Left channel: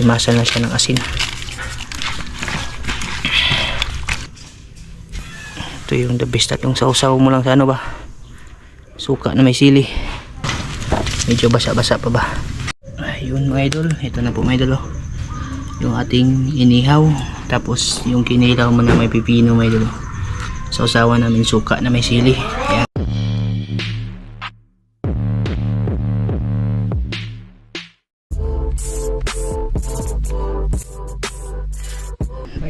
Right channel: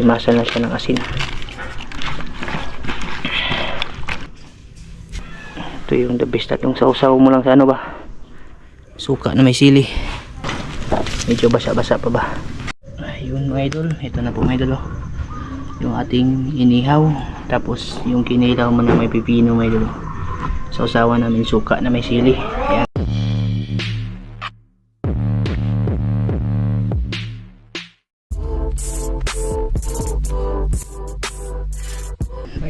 Imasal na siya ng asin. Ito yung the best at yung sausaw mo lang sa ano ba? Suka na may sili. Medyo basa-basa pa ba? Ayun mga idol, ito na po mga idol oh. Yung ating inihaw, tapos yung kinilaw mo na may pipino mga idol. Sausawan namin suka na may sili. Ayan.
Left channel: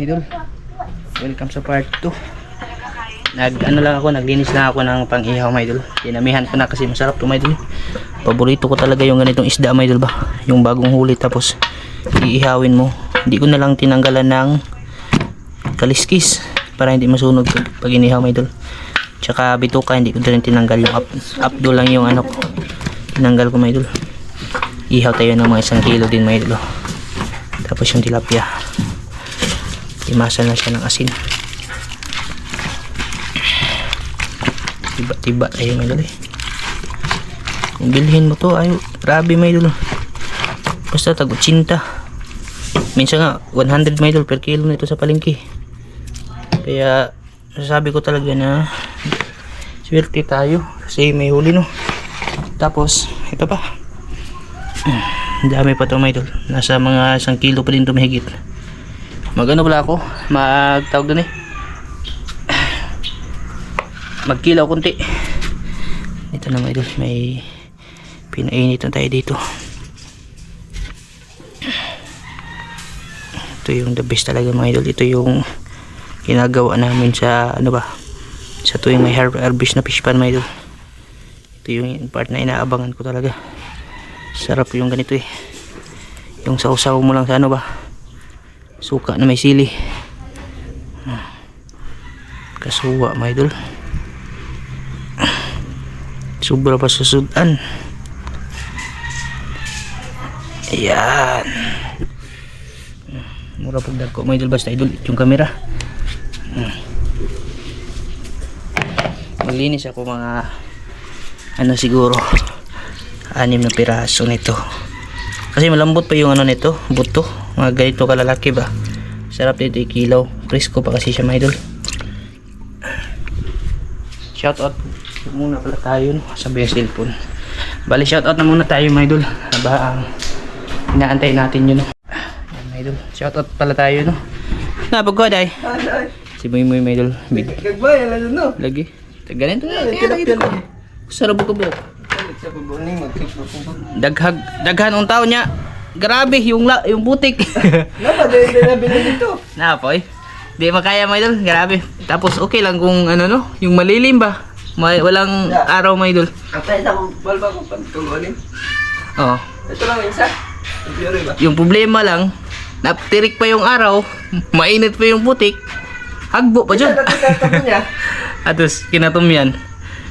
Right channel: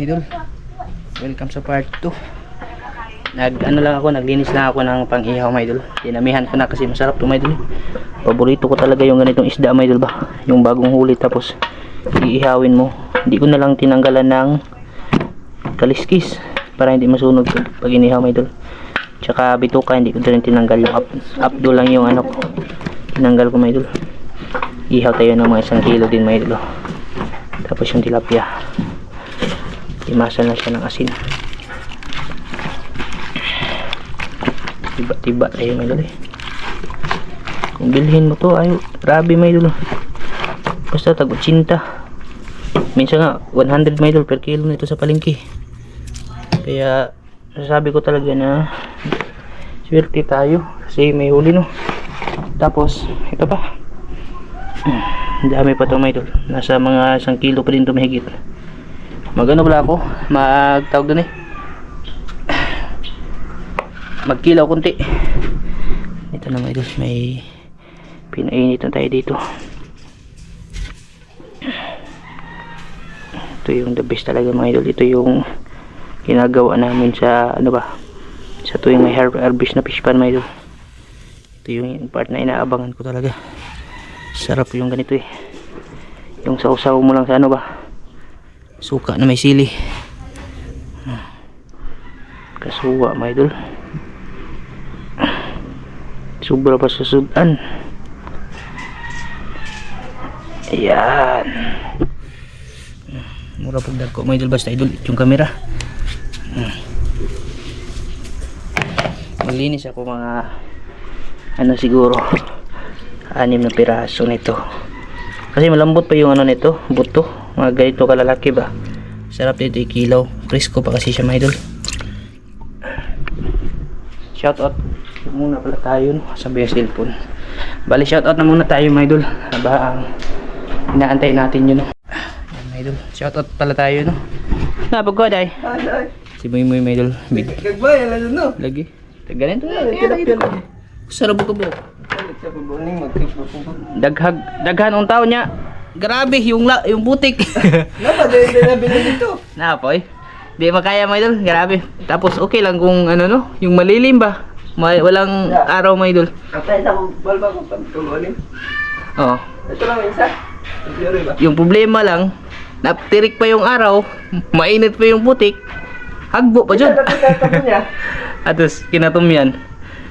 Idol, welcome sa part 2 nag ano lang ako naglinis lang ako ng pang ihaw mga idol. Dinamihan ko na kasi masarap to mga idol. Paborito ko talaga yung ganitong isda mga idol ba? Yung bagong huli tapos iihawin mo. Hindi ko na lang tinanggalan ng kaliskis para hindi masunog pag inihaw mga idol. Tsaka bituka hindi ko din tinanggal yung up, updo lang yung ano tinanggal ko mga idol. Ihaw tayo ng mga isang kilo din mga idol oh. tapos yung tilapia imasal na siya ng asin tiba-tiba tayo may eh. Kung bilhin mo to, ay grabe may idol. Basta tag 80. Minsan nga 100 may idol per kilo nito sa palengke. Kaya sasabi ko talaga na swerte tayo kasi may huli no. Tapos ito pa. Ang dami pa to may idol. Nasa mga 1 kilo pa din to mahigit. Magano pala ako? Magtawag doon eh. Magkilaw kunti ito na mga idol. May pinainit na tayo dito. Ito yung the best talaga mga idol. Ito yung ginagawa namin sa ano ba? Sa tuwing may har- harvest na fish pan mga idol. Ito yung part na inaabangan ko talaga. Sarap yung ganito eh. Yung sausaw mo lang sa ano ba suka na may sili. Kasuwa mga idol. Sobra pa sa sudan. Ayan. Mura pag dagko mga idol basta idol yung camera. Hmm. maglinis ako mga ano siguro anim na piraso nito. Kasi malambot pa yung ano nito buto mga ganito kalalaki ba? Sarap dito ikilaw presko pa kasi siya mga idol. Shout out muna pala tayo no? sabi yung cellphone. Bali shout out na muna tayo mga idol. Habang inaantay natin yun no? Ayan, mga idol. Shout out pala tayo no. Napagko day si Muy Muy mga idol. Big. Gagbay, alam no? lagi. Ganito. Na sarap ko po. daghag daghan ang tao niya grabe yung la, yung putik Napa, dahil din na binili dito. na poy di makaya mga idol grabe tapos okay lang kung ano no yung malilim ba May, walang araw mga idol Kapay na kung balba ko pantulunin. oh Ito lang isa. Ang pure ba? yung problema lang naptirik pa yung araw mainit pa yung putik hagbo pa dyan tatapon niya. atos kinatom yan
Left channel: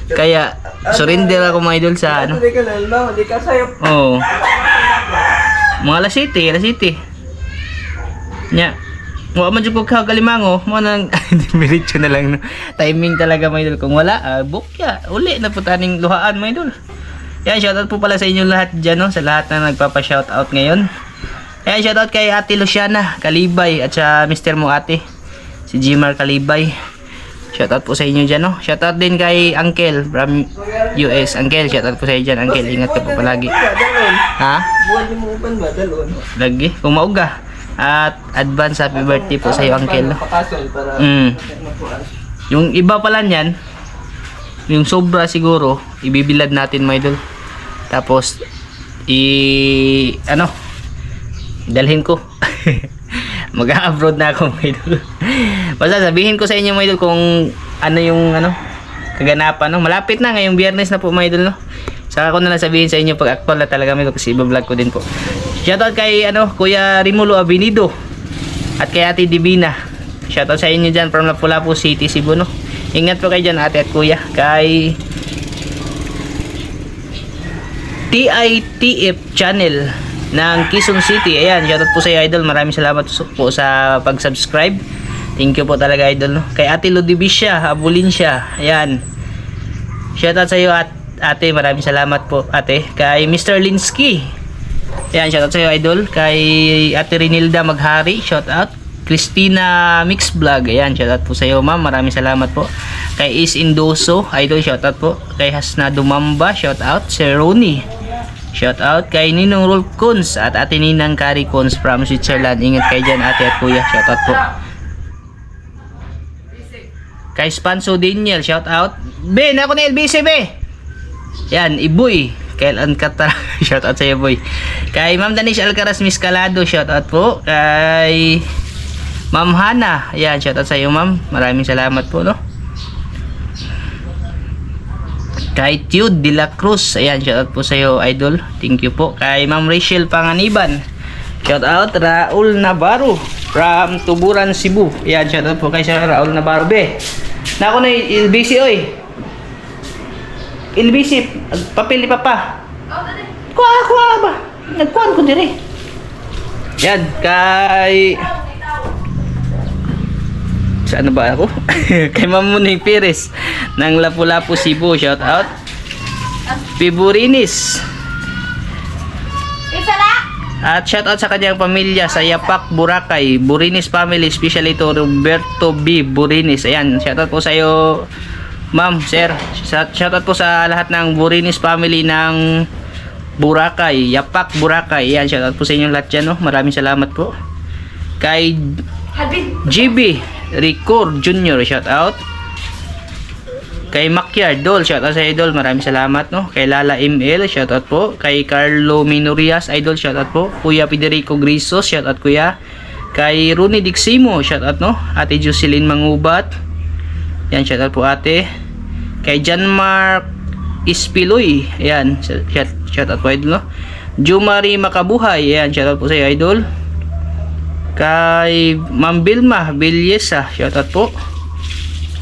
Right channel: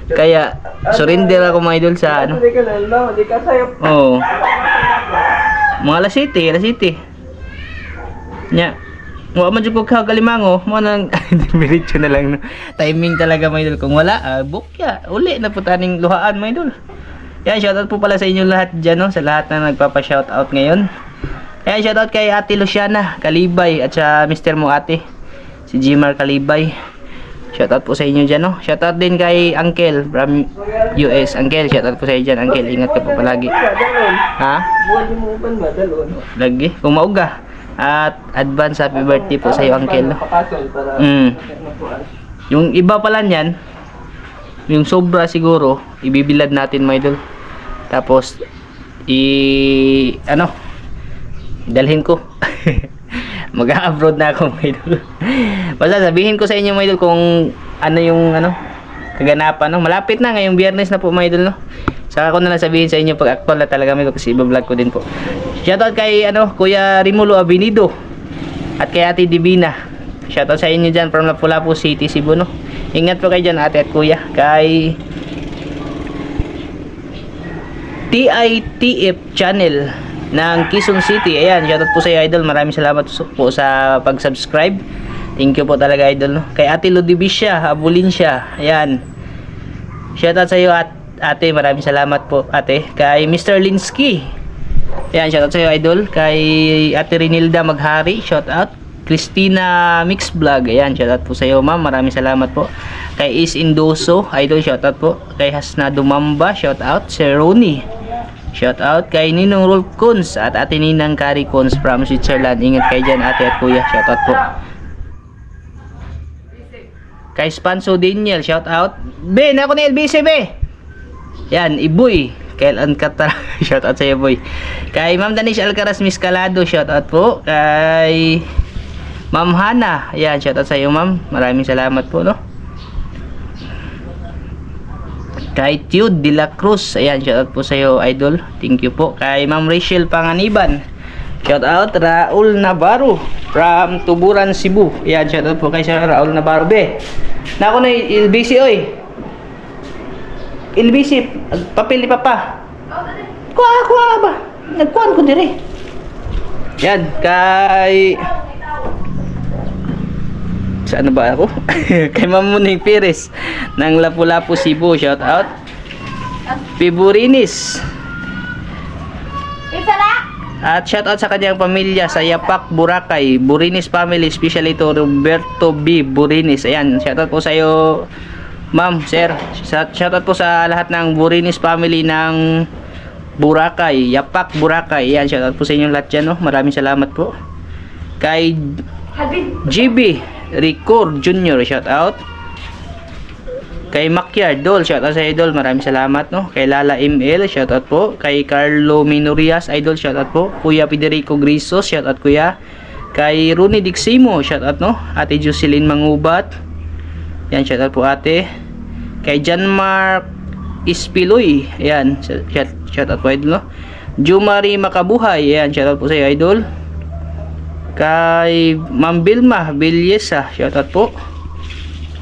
kaya surrender ako mga idol sa ano Hindi ka na, no? Hindi ka sayop. Oo. Mga alas 7, alas 7. Nya. Wa man jud ko kagalimango, mo nang diretso na lang no. Timing talaga mga idol. Kung wala, ah, bukya. Uli na po taning luhaan mga idol. Yan, shoutout po pala sa inyo lahat dyan, no? sa lahat na nagpapa-shoutout ngayon. Yan, shoutout kay Ate Luciana Kalibay at sa Mr. mo ate, si Jimar Kalibay. Shoutout po sa inyo dyan, no? Shoutout din kay Uncle from US. Uncle, shoutout po sa inyo dyan. Uncle, ingat ka po palagi. Ha? Lagi, kung mauga. At advance happy birthday po sa iyo, Uncle. no? Mm. Yung iba pala niyan, yung sobra siguro, ibibilad natin, my idol. Tapos, i... ano, dalhin ko. Mag-abroad na ako, my idol. Basta sabihin ko sa inyo, my idol, kung ano yung, ano, kaganapan, no? Malapit na, ngayong biyernes na po, my idol, no? Saka ko na lang sabihin sa inyo pag actual na talaga, my idol, kasi iba-vlog ko din po. Shoutout kay, ano, Kuya Rimulo Avenido. At kay Ate Divina. Shoutout sa inyo dyan from Lapu-Lapu City, Cebu, no? Ingat po kayo dyan, ate at kuya. Kay TITF channel ng Quezon City. Ayan, shoutout po sa iyo, idol. Maraming salamat po sa pag-subscribe. Thank you po talaga, idol. Kay Ate Ludibisha, Abulinsya. Ayan. Shoutout sa iyo, at ate. Maraming salamat po, ate. Kay Mr. Linsky. Ayan, shoutout sa'yo, idol. Kay Ate Renilda Maghari, shoutout. Christina Mix Vlog, ayan, shoutout po sa'yo, ma'am. Maraming salamat po. Kay Is Indoso, idol, shoutout po. Kay Hasna Dumamba, shoutout. Sir Ronnie, shoutout. Kay Ninong Roll Cons at Ate Ninang Kari Cons from Switzerland. Ingat kayo dyan, ate at kuya. Shoutout po. Kay Spanso Daniel, shoutout. Ben, ako na LBC, be. Yan, Iboy. Kailan ka ta? shoutout sa iyo, boy. Kay Ma'am Danish Alcaraz Miscalado, shoutout po. Kay Ma'am Hana, yan, shoutout sa iyo, ma'am. Maraming salamat po, no? Kay Tude De La Cruz, ayan, shoutout po sa iyo, idol. Thank you po. Kay Ma'am Rachel Panganiban, shoutout. Raul Navarro, from Tuburan, Cebu. Ayan, shoutout po kay Sir Raul Navarro. Be, na ako na LBC, oy. LBC, papel ni Papa. Kuha, kuha ba? Nagkuhan ko dire. Yan, kay... Saan na ba ako? kay Mamuning Pires ng Lapu-Lapu Cebu. Shout out. Piburinis. At shout out sa kanyang pamilya sa Yapak, Boracay. Burinis family, especially to Roberto B. Burinis. Ayan, shout out po sa iyo, ma'am, sir. Shout out po sa lahat ng Burinis family ng Boracay, Yapak, Boracay. Ayan, shout out po sa inyong lahat dyan, no? Maraming salamat po. Kay Habib. GB Record Junior, shout out. Kay Makyar Dol, shout out sa Idol, maraming salamat no. Kay Lala ML, shout out po. Kay Carlo Minorias, Idol, shout out po. Kuya Federico Grisos, shout out kuya. Kay Rooney Diximo, shout out no. Ate Jocelyn Mangubat. Yan, shout out po ate. Kay John Mark Ispiloy, ayan, shout, shout out po Idol no. Jumari Makabuhay, ayan, shout out po sa iyo, Idol. Kay Ma'am Bilma Bilyesa, shoutout po.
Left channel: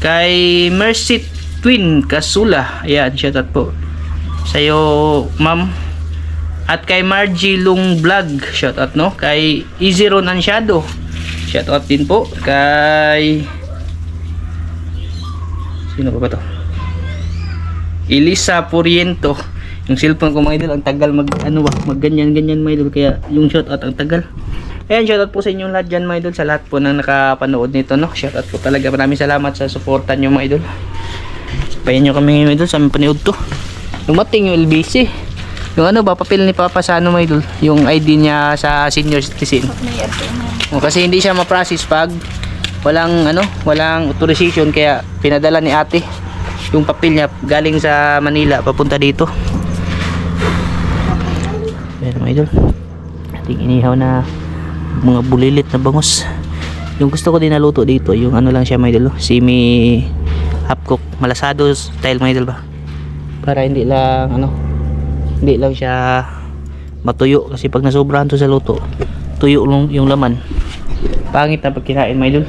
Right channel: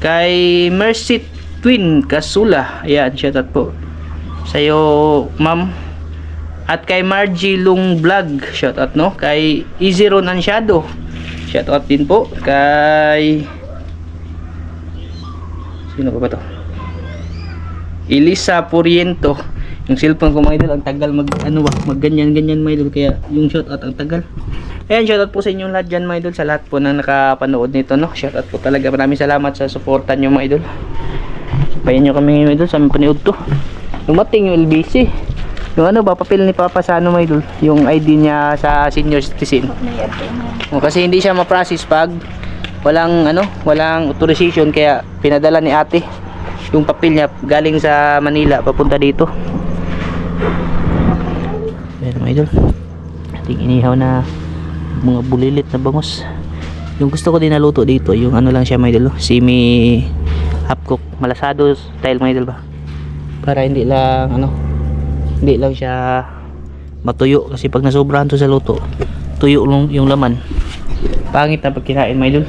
Kay Mercy Twin Kasula, ayan, shoutout po. Sa'yo, Ma'am. At kay Margie Lung Vlog, shoutout no. Kay Easy Ron Ansyado, shoutout din po. Kay Sino pa ba to? Elisa Puriento. Yung cellphone ko mga idol, ang tagal mag ano ba, mag ganyan ganyan mga idol kaya yung shoutout ang tagal. Ayan, shoutout po sa inyong lahat dyan mga idol, sa lahat po na nakapanood nito, no? Shoutout po talaga, maraming salamat sa suportan nyo mga idol. Sabayan nyo kami mga idol sa aming panood to. Dumating yung LBC. Yung ano ba, papel ni Papa sa mga idol, yung ID niya sa senior citizen. O, kasi hindi siya ma-process pag walang ano, walang authorization kaya pinadala ni ate yung papel niya galing sa Manila papunta dito. Ayan mga idol. Ating inihaw na mga bulilit na bangus. Yung gusto ko din naluto dito, yung ano lang siya mga idol, oh, semi half cook, malasado style mga idol ba. Para hindi lang ano, hindi lang siya matuyo kasi pag nasobrahan to sa luto, tuyo lang yung laman. Pangit na pag kinain mga idol.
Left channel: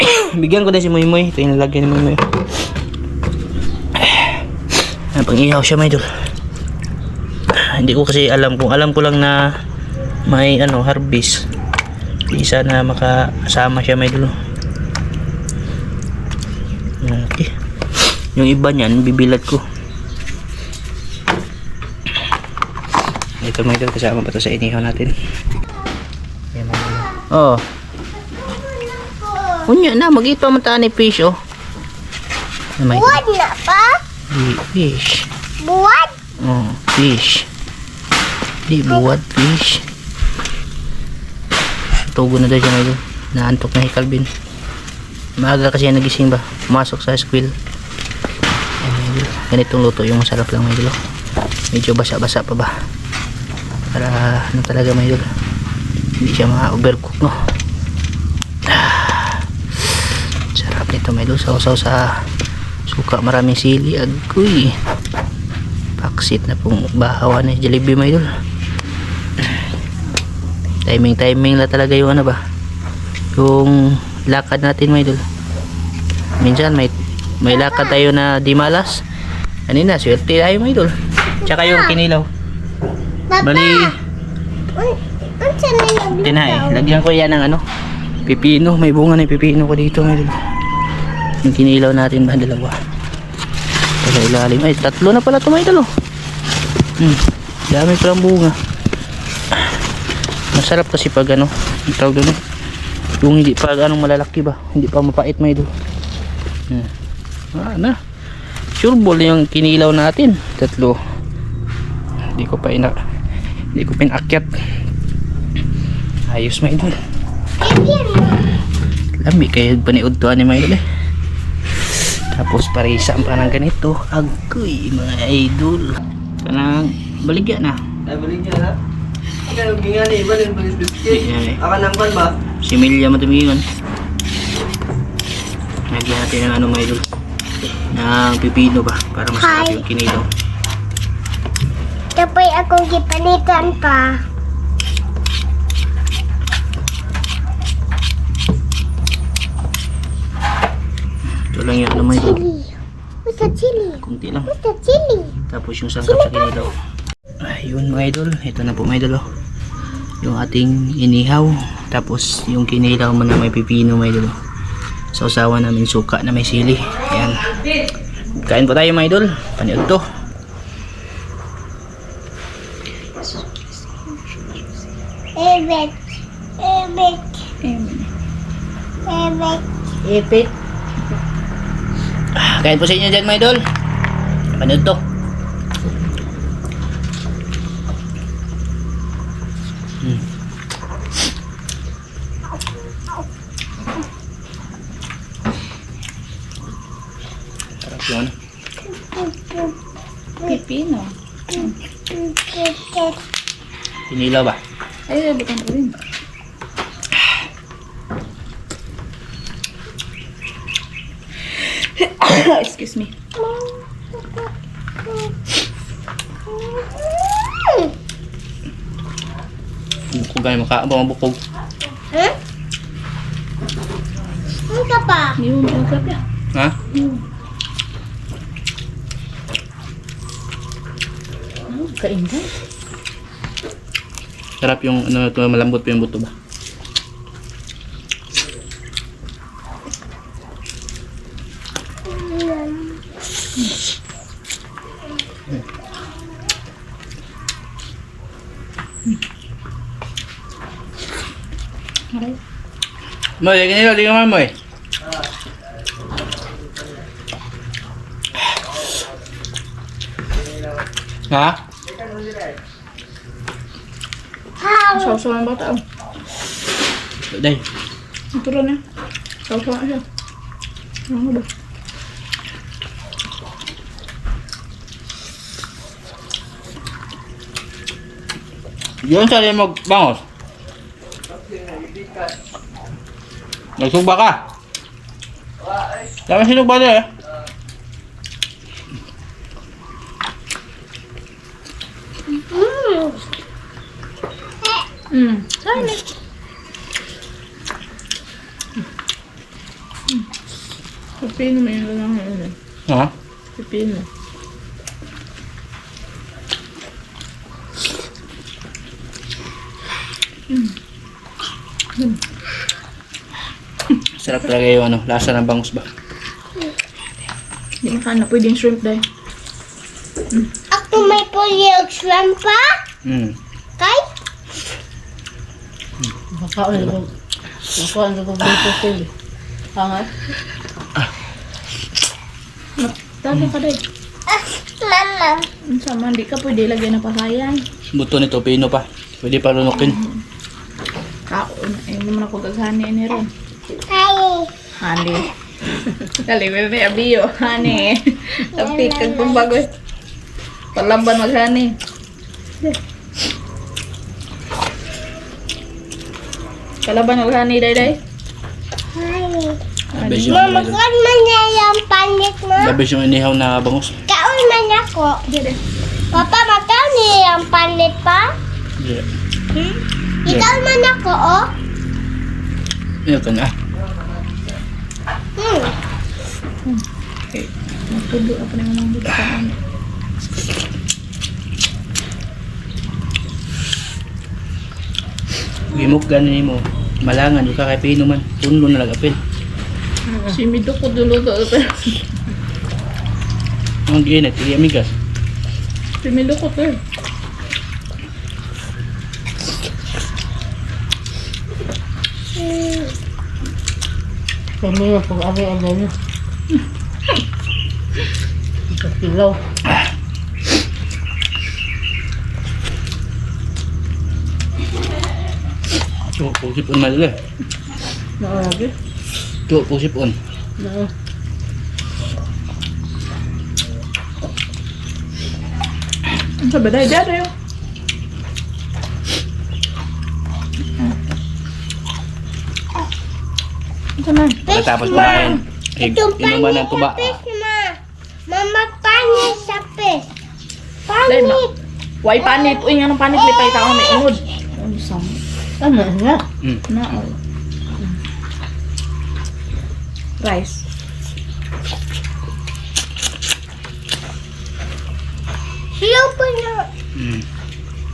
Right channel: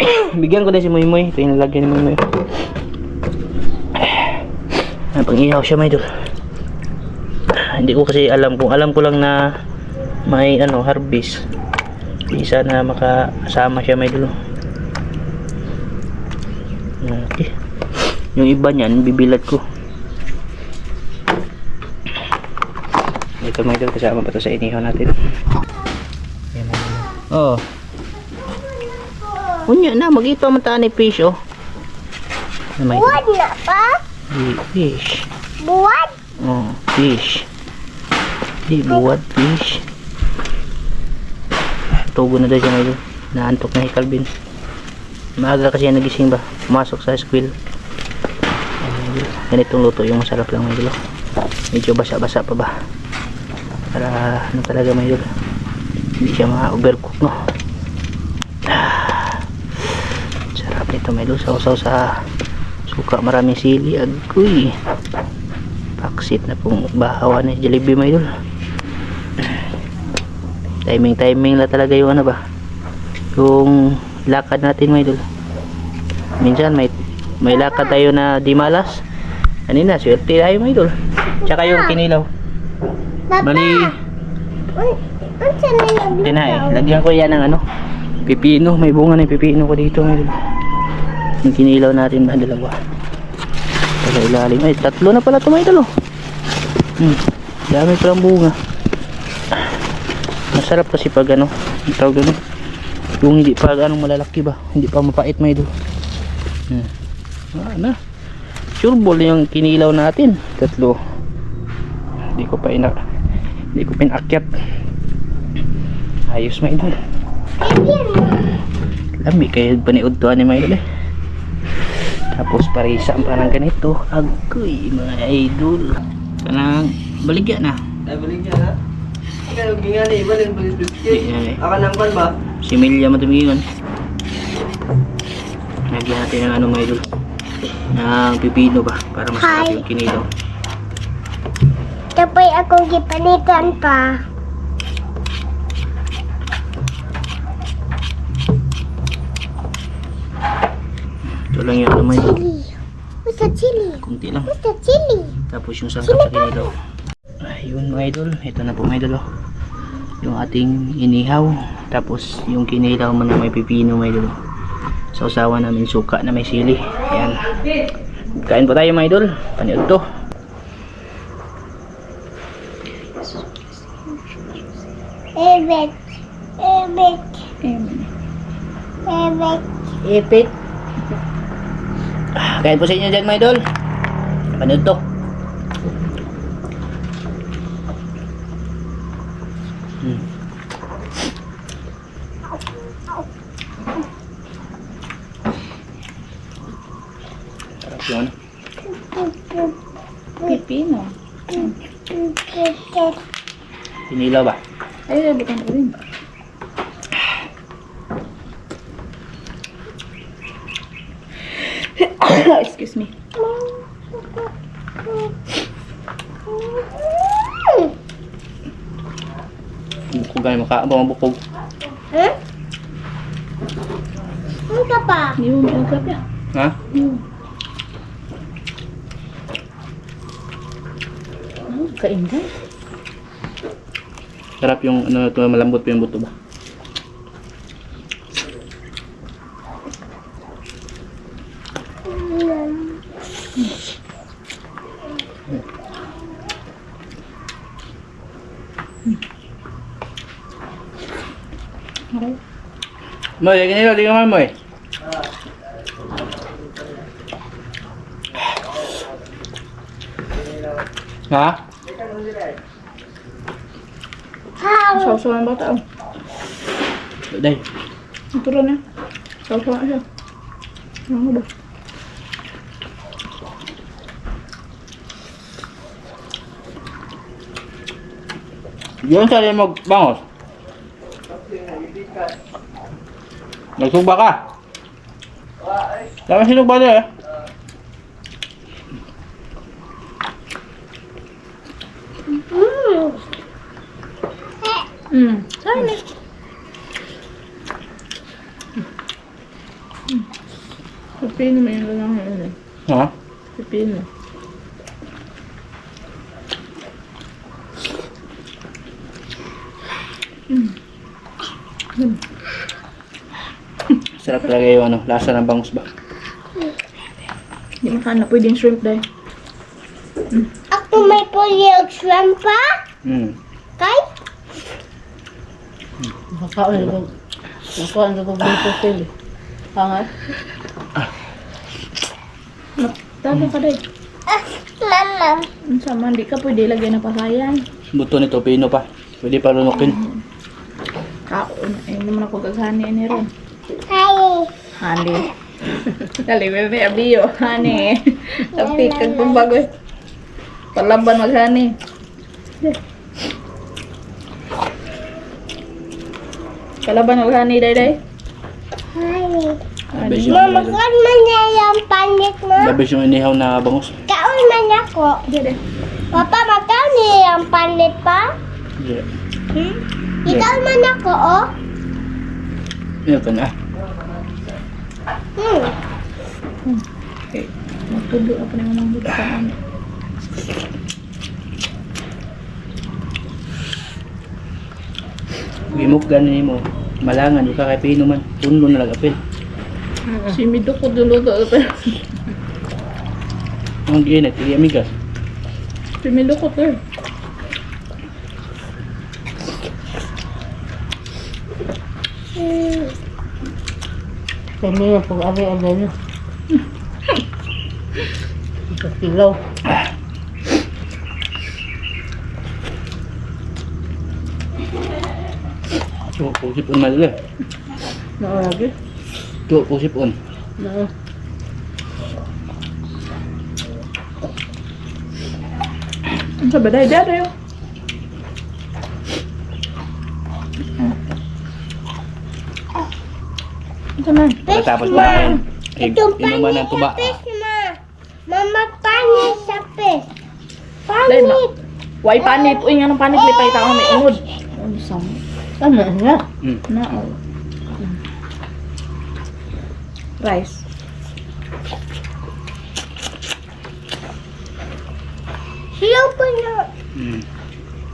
Bigyan ko din si Moy Moy. Ito yung nalagyan ni Moy Moy. Ayan, pang ihaw siya mga idol. Hindi ko kasi alam kung alam ko lang na may ano harvest. Isa na makasama siya may dulo. Okay. Yung iba niyan bibilad ko. Ito mga idol kasama pa to sa inihaw natin. Ayan mga. Oh. Unya na magito man ta ni fish oh. Ano may Buwan na pa? fish. Buwan? Oh, fish. Di buwad fish. Tugo na daw siya ngayon. Naantok na si Calvin. Maaga kasi yan nagising ba? Pumasok sa school. Ganitong luto yung masarap lang may dulo. Medyo basa-basa pa ba? Para ano talaga may dulo. Hindi siya ma-overcook no. Ah, Sarap nito may dulo. Sausaw sa suka maraming sili. Agoy paksit na pong bahawa ni Jollibee mga idol timing timing la talaga yung ano ba? Yung lakad natin mga idol minsan may may lakad tayo na di malas. Kanina swerte tayo mga idol tsaka yung kinilaw. Papa, bali na tinay lagyan ko yan ng ano pipino. May bunga ng pipino ko dito mga idol yung kinilaw natin ba dalawa? Sa ilalim. Ay tatlo na pala ito mga idol oh. hmm. dami palang bunga Masarap kasi pag ano, ang tawag doon. Yung hindi pa anong malalaki ba, hindi pa mapait may do. Hmm. Ah, na. Sure ball yung kinilaw natin. Tatlo. Hindi ko pa ina hindi ko pinakyat. Ayos may idol. Lami kayo paniud to ani may idol eh. Tapos parisa pa ng ganito. Agoy mga idol. Kanang baligya na. Ay, balik niya Ikaw, gingali, iba rin balik Di, biscuit. Aka nang pan ba? Si Milya matumingon. Lagyan natin ng ano mga idol. Ng pipino ba? Para masarap Hi. yung kinilaw. Tapos akong gipanitan pa. Ito lang yung ano mga idol. Chili. Basta chili. Kunti lang. Basta chili. Tapos yung sangkap sa kinilaw. Ayun mga idol. Ito na po mga idol. oh. Yung ating inihaw. Tapos yung kinilaw mo na may pipino mga idol. Sa usawa namin suka na may sili. Ayan. Kain po tayo mga idol. Paniod to. Ebek. Ebek. Ebek. Ipit. Kain po sa inyo dyan mga idol. Panood to. Hmm. Sarap yun. Pipino. Pinilaw ba? Ay, bukan ko rin. Excuse me. Bukog ay maka ba mabukog. Hmm? Ano ka pa? Hindi mo pinagkap yan. Ha? Kainday. Sarap yung ano to malambot pa yung buto ba? Moy, lagi nila, di ka man moy. Ha? How? Sausaw ang bata. Day. Ito rin eh. Sausaw na siya. Ano ba? Yun sa rin magbangos. Nagsugba ka. Tama sinugba din eh. Mm. Saan eh? Hmm. Pipino mo yung lang yun eh. Ha? Pipino. Sarap talaga yung ano, lasa ng bangus ba? Hindi makana pwedeng shrimp dahil. Ako may pulyog shrimp pa? Hmm. Kay? Makaon ko. Makaon ko dito sila. Hangat. Taga ka dahil. Ah, mama. Ang sama, hindi ka pwede lagyan ng pasayan. Buto nito, pino pa. Pwede pa lunukin. Ako, eh, hindi mo na pagkaghani ni Ron. Hi. Hani. Dali, bebe, abiyo. Hani. Tapik kag pambago. Palaban maghani. Kalaban maghani, day, day. Hi. Labis yung, Mama, kuwan man niya yung panit mo. labis yung inihaw na bangus. Kaon man ako. Dede. Papa, makaon niya yung panit pa? Yeah. Hmm? Ikaw man ako, oh. Yan ka na. Hmm. Okay. Magtudo ako na mga buta ka ano. Gimok ganin mo malangan yung kakapino man punlo na lagapil si mido ko dulo to ang giinit hindi amigas si mido ko to Kami na pag-ari-ari na. Ano Ito silaw. Ah. Tuwa po sipon madali. Naaragi. Tuwa po sipon. Na. Ang sabi, dahil dahil tayo. Ito na. Pagkatapos kumain, eh, Itong inuman ng tuba. Fish, ma. Mama, panit sa fish. Dahil ma. Panit. Why panit? Uy, nga ng panit. Lipay tao may unod. Ano sam? Tama na. Mm. Na, oh. Rice. Siyaw pa na. Mm.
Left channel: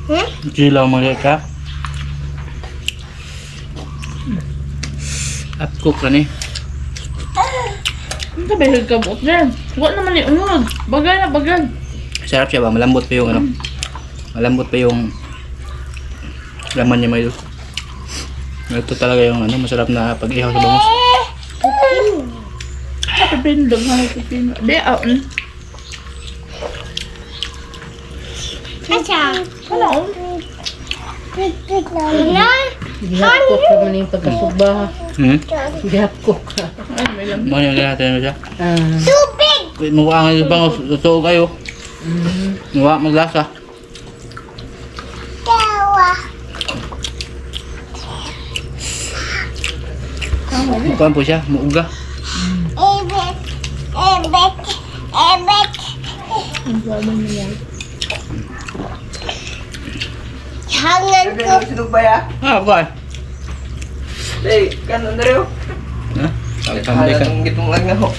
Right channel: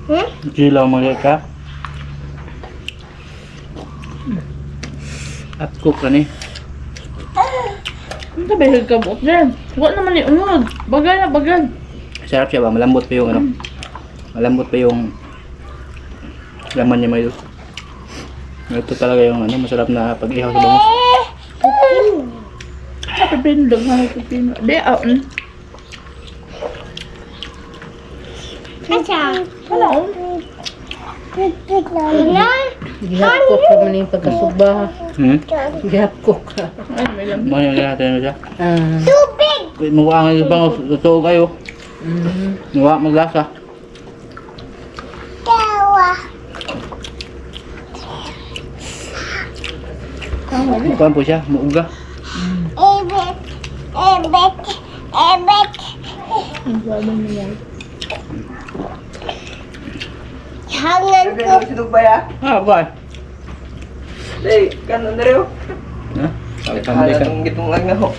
Hmm? Silaw mga ka. At cook ka ni. Ang sabi, higkabot dyan. Wala naman yung unod. Bagay na, bagay. Sarap siya ba? Malambot pa yung ano. Malambot pa yung laman niya may Ito talaga yung ano, masarap na pag-ihaw sa bangus. Sa pipino, daghan ng pipino. Di, ah, mm. Asa? Wala, oh. Wala. Gihapkok ka man yung pagkasugba. Hmm? Gihapkok ka. Ay, may lang. Mga yung natin mo siya. Ah. Tubig. Mawa nga yung bangus. Totoo kayo. Mm. Mawa maglasa. Mukuhan po siya. Muuga. Ebek. Ebek. Ebek. Ang sabi niya. Hangan Sabi ko. na sinug ba ya? Ah, ba? Hey, kanon na rin. Ha? Hala itong gitong lang na ho.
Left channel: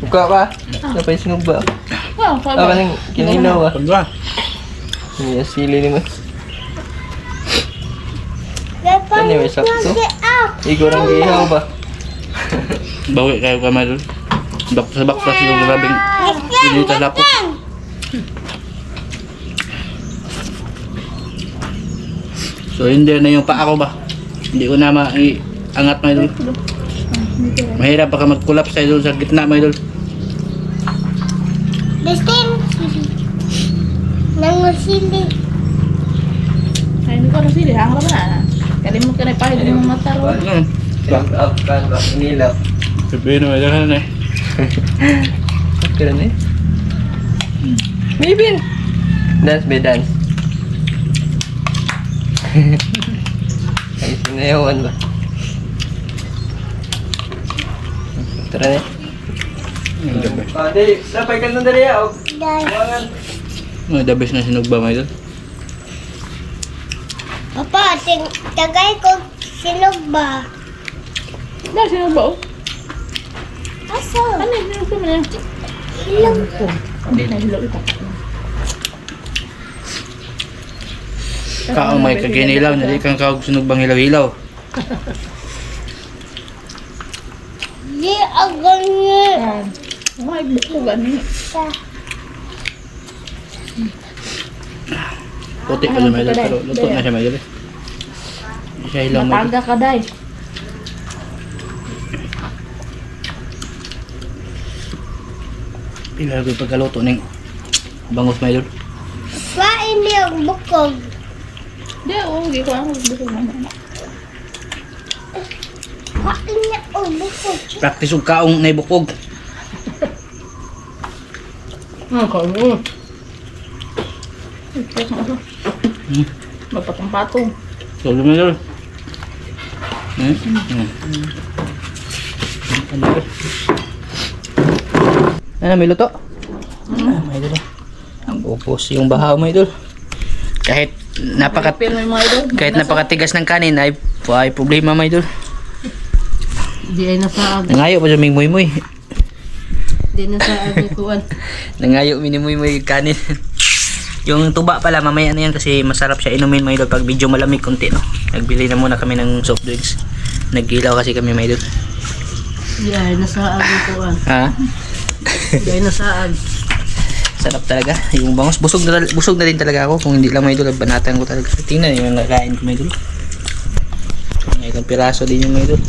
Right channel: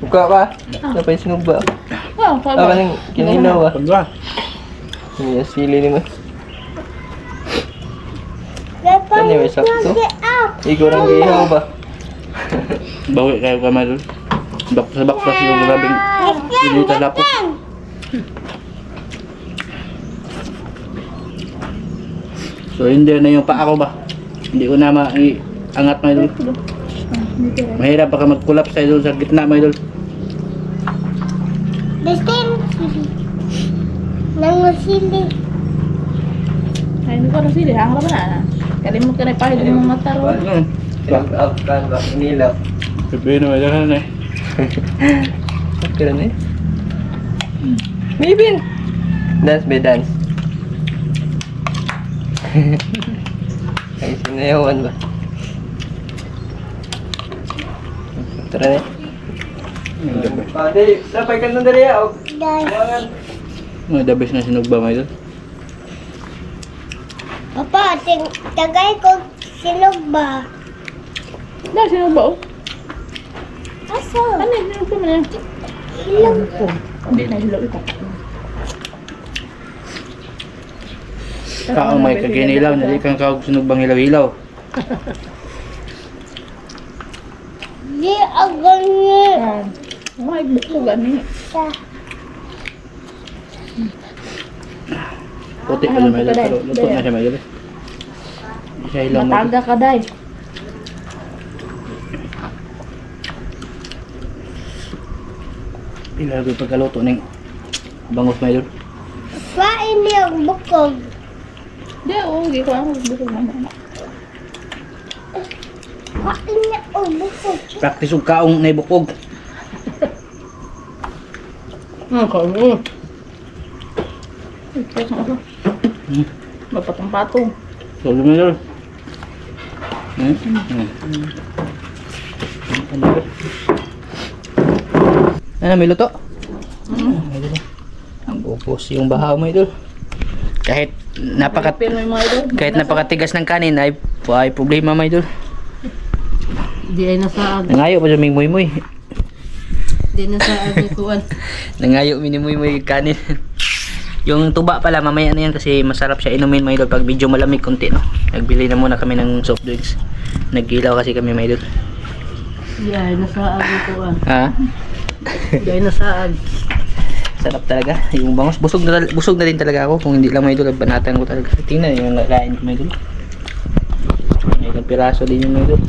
Buka pa. Dapat yung sinug ba? Ah, sabi. Tama nang kinilaw ah. Pagka. Hindi sili ni mo. Dapat Ano yung sakto? Nang ihaw ba? Bawi kayo kamay doon. Bak sa baklas yung grabing pinita lapot. So hindi na yung paa ko ba? Hindi ko na ma-angat may idol. Mahirap baka mag-collapse tayo doon sa gitna may idol. Destin. Nangusili. Ay, hindi ko na sili. Hangar ba na? Kalimut ka na pahid mga mata ro. Back out ka ba? Kinilaw. Sabihin na may dahan eh. Kira na eh. Maybe. Dance by dance. Ay, sinayawan ba? Tara na eh. Di, sapay ka na dali ah. Dahil. The best na sinugba may idol. Papa, ting tagay ko sinog ba? Na, sino ba? oh? Aso? Ano, sino ba man yan? Sinog. Hindi na, hilaw ito. Kaong may kaginilaw, nali kang kaog sinugbang hilaw-hilaw. Di agad niya. Ah, Mga ibukog ano yun. Puti pa may pero luto na siya may idol. Siya hilaw may idol. Mataga ka, day. Pila ko pagkaluto ng bangus may idol. Kain niya ang bukog. Di, oo, hindi ko ano. Bukog naman. Kain niya ang bukog. Practice og kaong na ibukog. Ah, kaano. Check mo ako. Hmm. Magpatong-patong. So, may idol. Hmm? Hmm. Ano? Ano, may luto? Luto. Ang upos yung bahaw mo idol. Kahit napaka kahit napakatigas ng kanin ay, ay problema mo idol. Di ay nasaag. Nangayo pa sa ming muy muy. Di nasaag ni Kuan. Nangayo mini muy muy kanin. Yung tuba pala mamaya na yan kasi masarap siya inumin mga idol pag medyo malamig konti no. Nagbili na muna kami ng soft drinks. Naggilaw kasi kami mga idol. Ay nasaag ni Kuan. Ha? Ay nasaag. Sarap talaga. Yung bangus busog na busog na din talaga ako kung hindi lang mga idol banatan ko talaga. Tingnan yung nakain ko mga idol. May piraso din yung mga idol.